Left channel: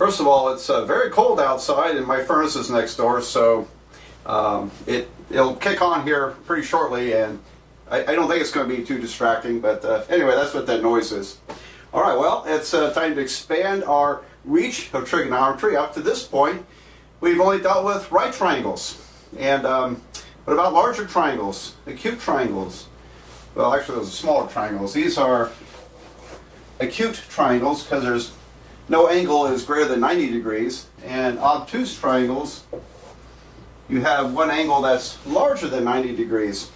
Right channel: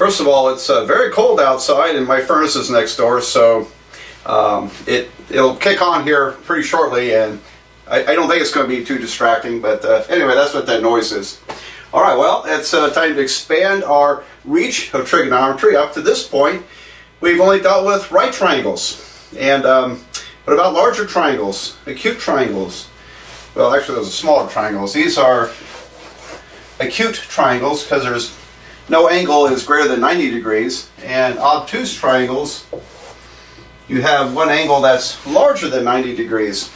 First of all, it's very cold outside and my furnace is next door, so it'll kick on here pretty shortly, and I don't think it's going to be too distracting, but anyway, that's what that noise is. Alright, well, it's time to expand our reach of trigonometry. Up to this point, we've only dealt with right triangles. And what about larger triangles, acute triangles? Well, actually, those are smaller triangles. These are acute triangles because there's no angle is greater than 90 degrees. And obtuse triangles, you have one angle that's larger than 90 degrees.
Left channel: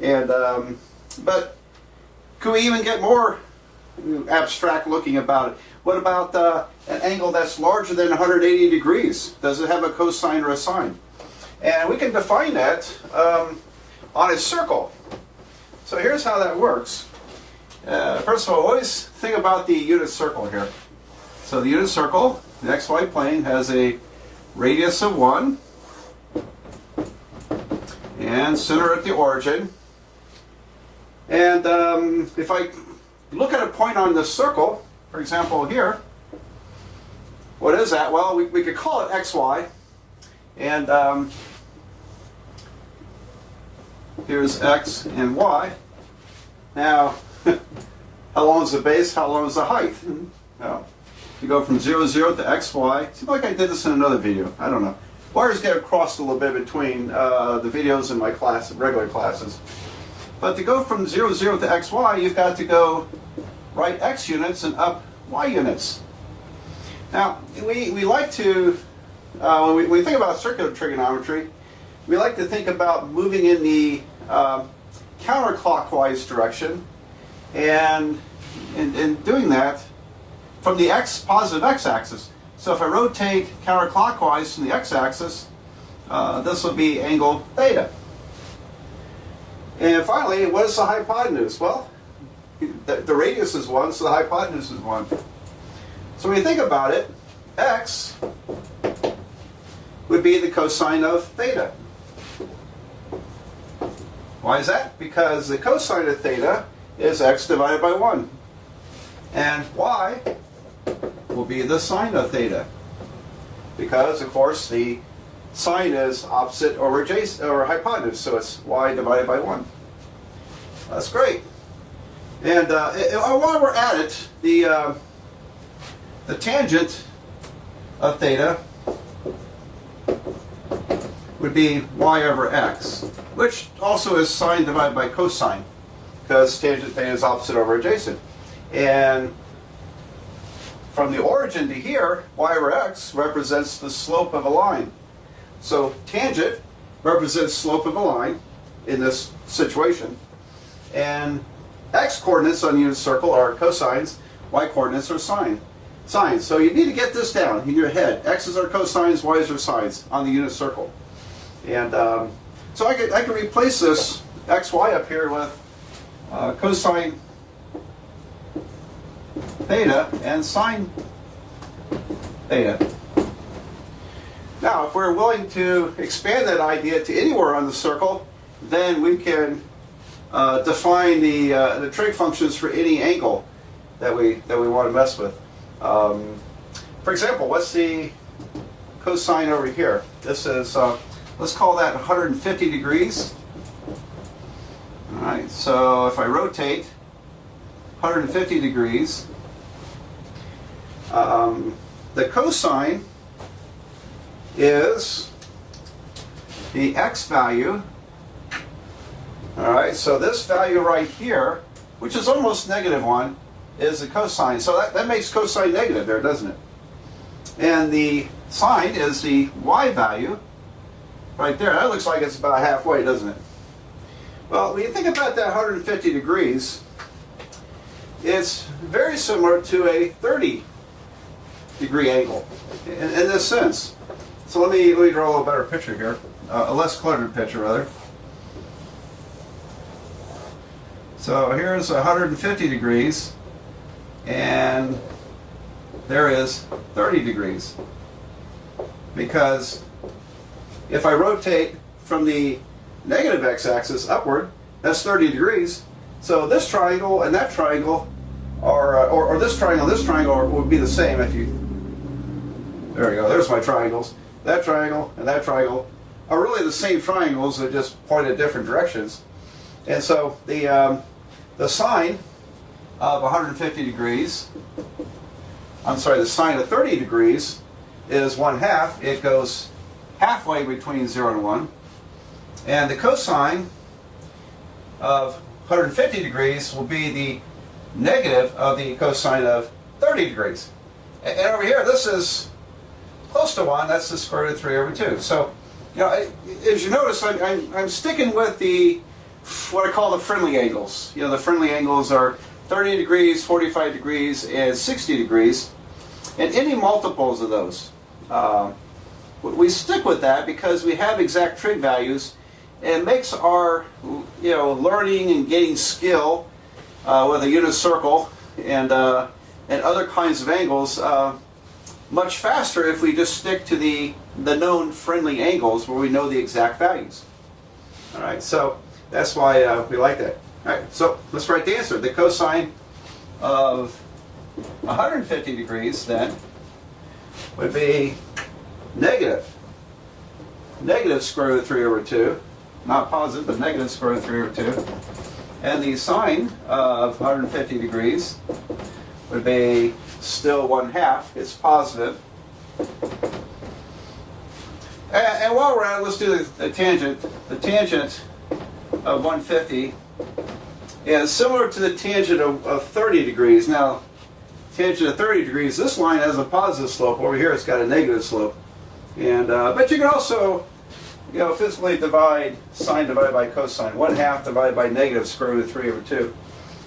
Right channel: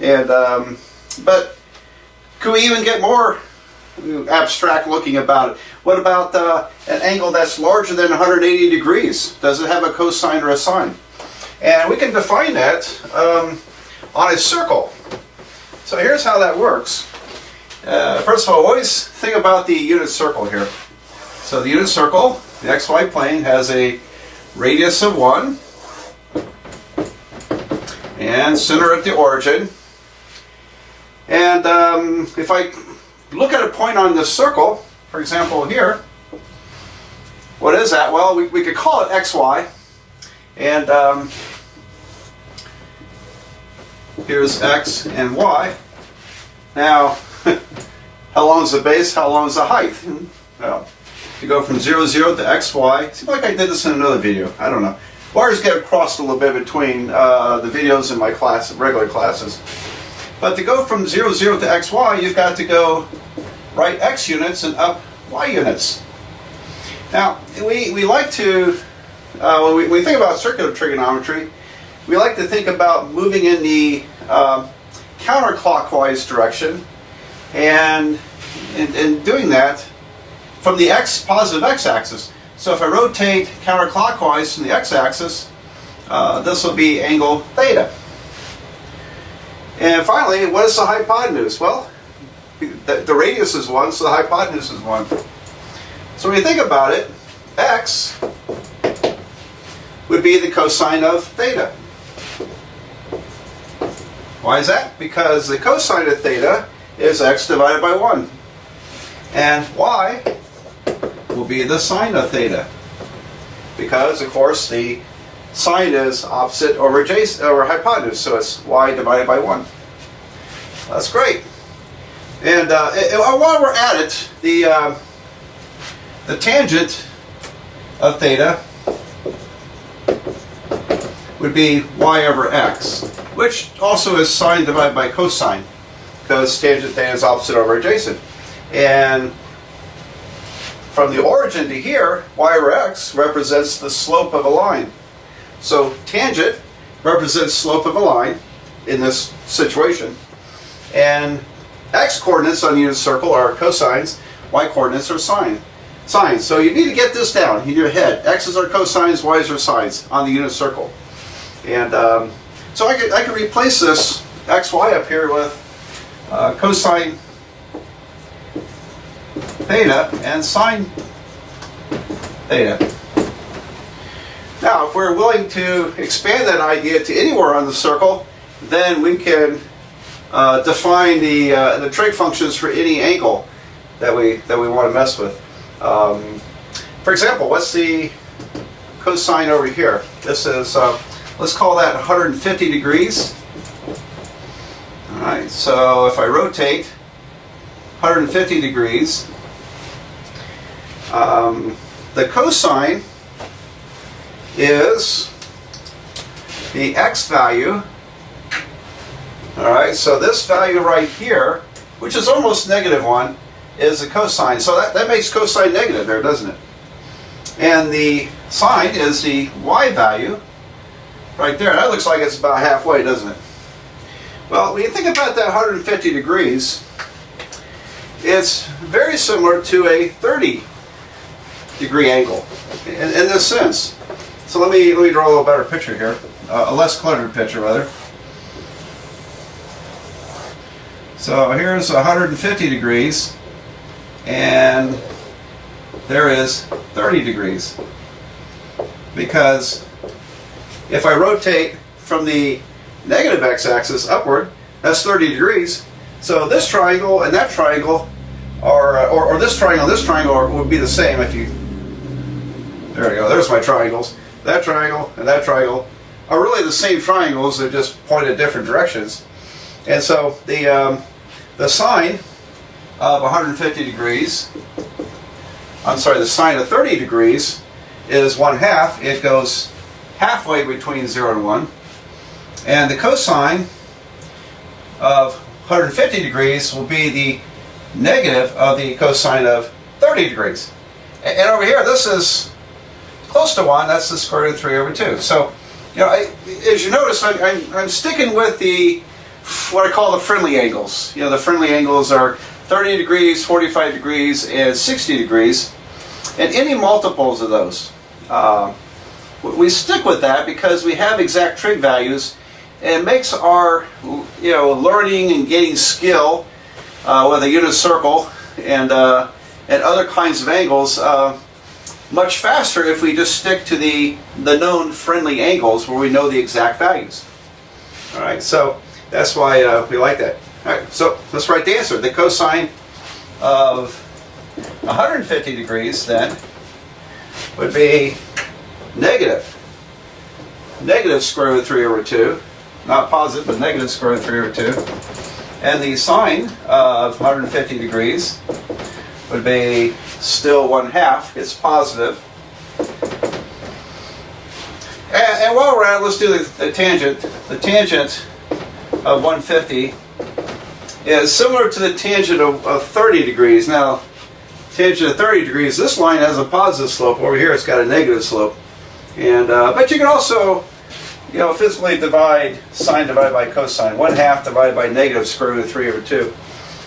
And but could we even get more abstract looking about it? What about an angle that's larger than 180 degrees? Does it have a cosine or a sine? And we can define that on a circle. So here's how that works. First of all, always think about the unit circle here. So the unit circle, the xy plane, has a radius of 1 and center at the origin. And if I look at a point on this circle, for example here, what is that? Well, we could call it xy. And here's x and y. Now, how long is the base? How long is the height? Well, you go from 0, 0 to xy. Seems like I did this in another video. I don't know. Wires get crossed a little bit between the videos and my class, regular classes. But to go from 0, 0 to xy, you've got to go right x units and up y units. Now, we like to, when we think about circular trigonometry, we like to think about moving in the counterclockwise direction, and in doing that from the positive x-axis. So if I rotate counterclockwise from the x-axis, this will be angle theta. And finally, what is the hypotenuse? Well, the radius is 1, so the hypotenuse is 1. So when you think about it, x would be the cosine of theta. Why is that? Because the cosine of theta is x divided by 1. And y will be the sine of theta. Because, of course, the sine is opposite over adjacent, or hypotenuse, so it's y divided by 1. That's great. And while we're at it, the tangent of theta would be y over x, which also is sine divided by cosine, because tangent theta is opposite over adjacent. And from the origin to here, y over x represents the slope of a line. So tangent represents slope of a line in this situation. And x coordinates on the unit circle are cosines, y coordinates are sines. So you need to get this down in your head. X's are cosines, y's are sines on the unit circle. And so I could replace this xy up here with cosine theta and sine theta. Now, if we're willing to expand that idea to anywhere on the circle, then we can define the trig functions for any angle that we want to mess with. For example, what's the cosine over here? This is, let's call that 150 degrees. All right, so if I rotate 150 degrees, the cosine is the x value. All right, so this value right here, which is almost -1, is the cosine. So that makes cosine negative there, doesn't it? And the sine is the y value right there. That looks like it's about halfway, doesn't it? Well, when you think about that 150 degrees, it's very similar to a 30-degree angle in this sense. So let me draw a little better picture here, a less cluttered picture rather. So here's 150 degrees, and there is 30 degrees. Because if I rotate from the negative x-axis upward, that's 30 degrees. So this triangle and that triangle are, or this triangle and this triangle would be the same if you There we go. There's my triangles. That triangle and that triangle are really the same triangles. They just point in different directions. And so the sine of 150 degrees, I'm sorry, the sine of 30 degrees is 1/2. It goes halfway between 0 and 1. And the cosine of 150 degrees will be the negative of the cosine of 30 degrees. And over here, this is close to 1. That's the square root of 3 over 2. So, you know, as you notice, I'm sticking with what I call the friendly angles. You know, the friendly angles are 30 degrees, 45 degrees, and 60 degrees. And any multiples of those. We stick with that because we have exact trig values. And it makes our, you know, learning and gaining skill with a unit circle and other kinds of angles much faster if we just stick to the known friendly angles where we know the exact values. All right, so that's why we like that. All right, so let's write the answer. The cosine of 150 degrees then would be negative square root of 3 over 2. Not positive, but negative square root of 3 over 2. And the sine of 150 degrees would be still 1/2. It's positive. And while we're at it, let's do the tangent. The tangent of 150 is similar to the tangent of 30 degrees. Now, tangent of 30 degrees, this line has a positive slope. Over here, it's got a negative slope. And but you can also, you know, physically divide sine divided by cosine. 1/2 divided by negative square root of 3 over 2.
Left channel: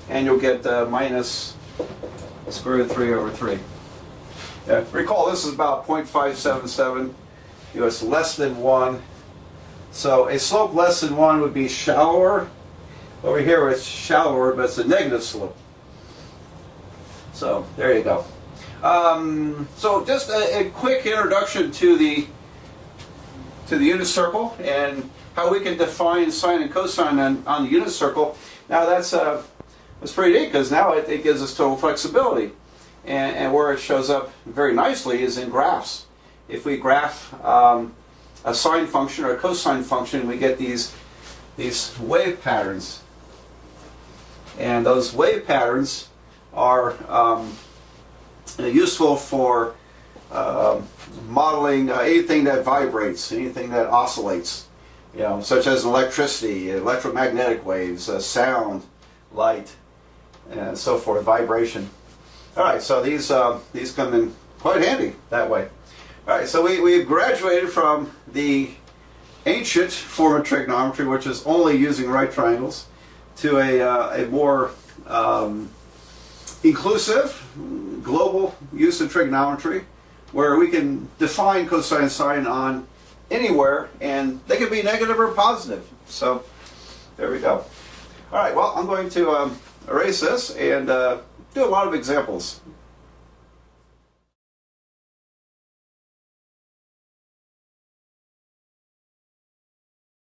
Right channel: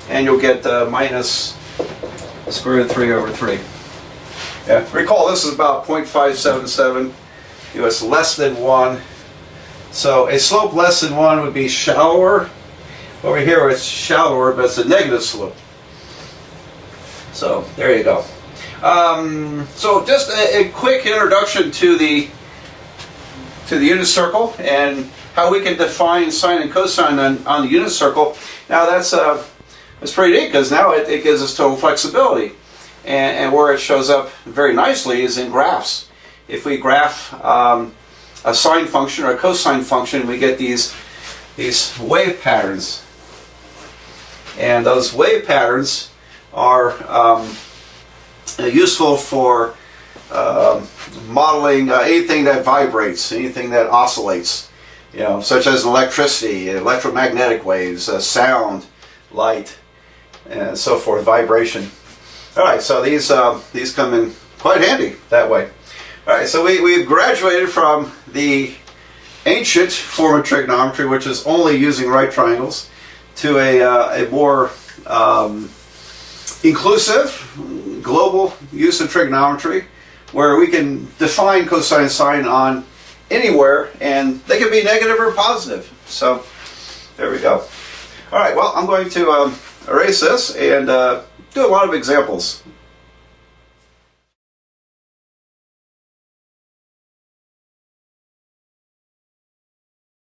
And you'll get minus square root of 3 over 3. Yeah, recall this is about 0.577. You know, it's less than 1. So a slope less than 1 would be shallower. Over here it's shallower, but it's a negative slope. So there you go. So just a quick introduction to the unit circle and how we can define sine and cosine on the unit circle. Now that's pretty neat because now it gives us total flexibility. And where it shows up very nicely is in graphs. If we graph a sine function or a cosine function, we get these wave patterns. And those wave patterns are useful for modeling anything that vibrates, anything that oscillates, you know, such as electricity, electromagnetic waves, sound, light, and so forth, vibration. All right, so these come in quite handy that way. All right, so we've graduated from the ancient form of trigonometry, which is only using right triangles, to a more inclusive, global use of trigonometry, where we can define cosine and sine on anywhere, and they can be negative or positive. So there we go. All right, well, I'm going to erase this and do a lot of examples.